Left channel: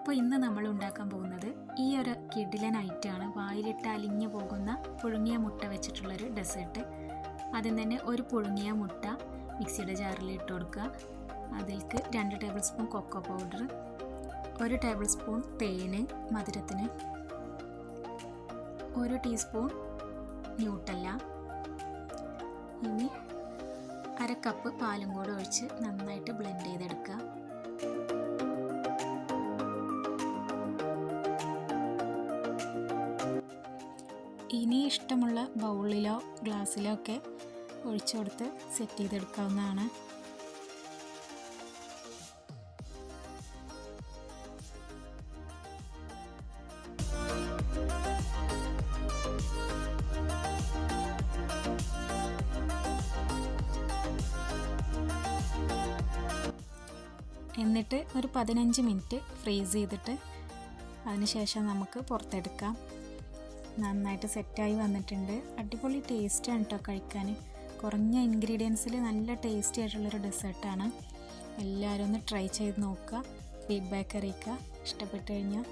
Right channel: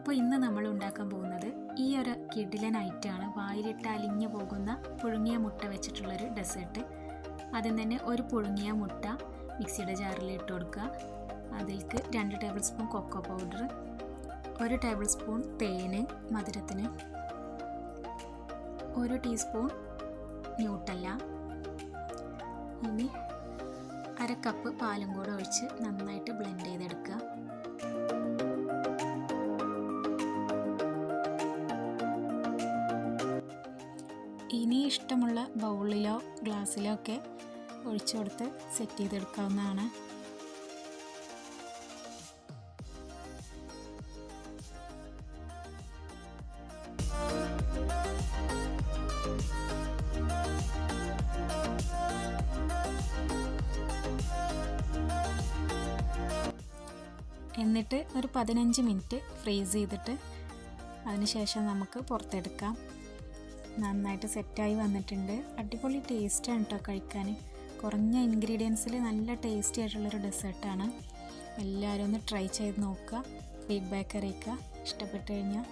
അപ്പോൾ ഇന്ന് നമ്മൾ ഉണ്ടാക്കാൻ പോകുന്നത് ഈ ഒരു കിടിലൻ ഐറ്റമാണ്. വായിലിട്ട് അലിഞ്ഞു പോകുന്ന പുഴുങ്ങിയ മുട്ട വെച്ചിട്ടുള്ളൊരു ഡെസേർട്ട്. ആദ്യം തന്നെ ഒരു പുഴുങ്ങിയ മുട്ട മിക്സിയുടെ ജാറിൽ ഇട്ട് കൊടുക്കുക. അതിലേക്ക് 2 tablespoon cocoa powder, 1 tablespoon തേന് മധുരത്തിന്, 1 ടീസ്പൂൺ ന്യൂട്ടല്ല, ഇനി 1/2 കപ്പ് പാലും കൂടെ ഒഴിച്ച് നന്നായിട്ട് ബ്ലെൻഡ് ചെയ്തെടുക്കുക. ഇനി ഇഷ്ടമുള്ള ബൗളിലോ ഗ്ലാസ്സിലോ ഒക്കെ ഒഴിച്ചു കൊടുത്ത് സെറ്റ് ചെയ്തെടുക്കാവുന്നതാണ്. എന്നിട്ട് ഒരു 15 മിനിറ്റ് ഫ്രീസ് ചെയ്തിട്ട് അതിനുശേഷം നമുക്ക് പുറത്തെടുക്കാം. നന്നായിട്ട് സെറ്റായി വന്നിട്ടുണ്ട്. അടിപൊളി ടേസ്റ്റാണ് കേട്ടോ കഴിക്കാൻ. കുറഞ്ഞ ഇൻഗ്രീഡിയൻസിൽ നല്ല ടേസ്റ്റി ആയിട്ടുള്ളൊരു ഡെസേർട്ടാണ്. എല്ലാവരും ഒന്ന് ട്രൈ ചെയ്ത് നോക്കുക, ഫീഡ്ബാക്ക് അറിയിക്കുക. ഇഷ്ടപ്പെട്ട് കഴിഞ്ഞാൽ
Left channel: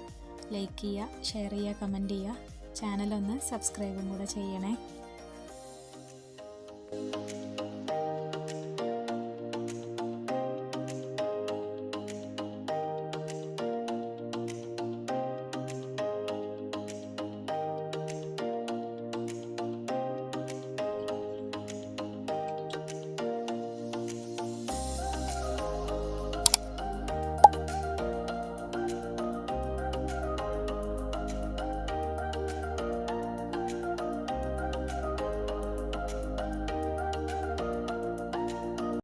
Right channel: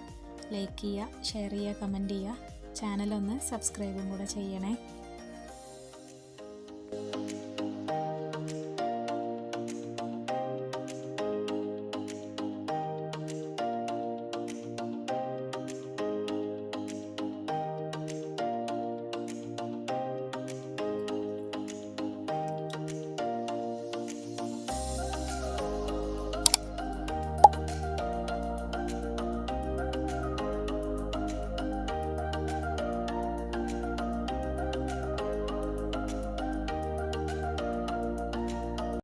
ലൈക്ക് ചെയ്യുക, ഷെയർ ചെയ്യുക, കമൻറ്റ് ചെയ്യുക. ചാനലൊന്ന് സബ്സ്ക്രൈബും കൂടെ ചെയ്യണേ.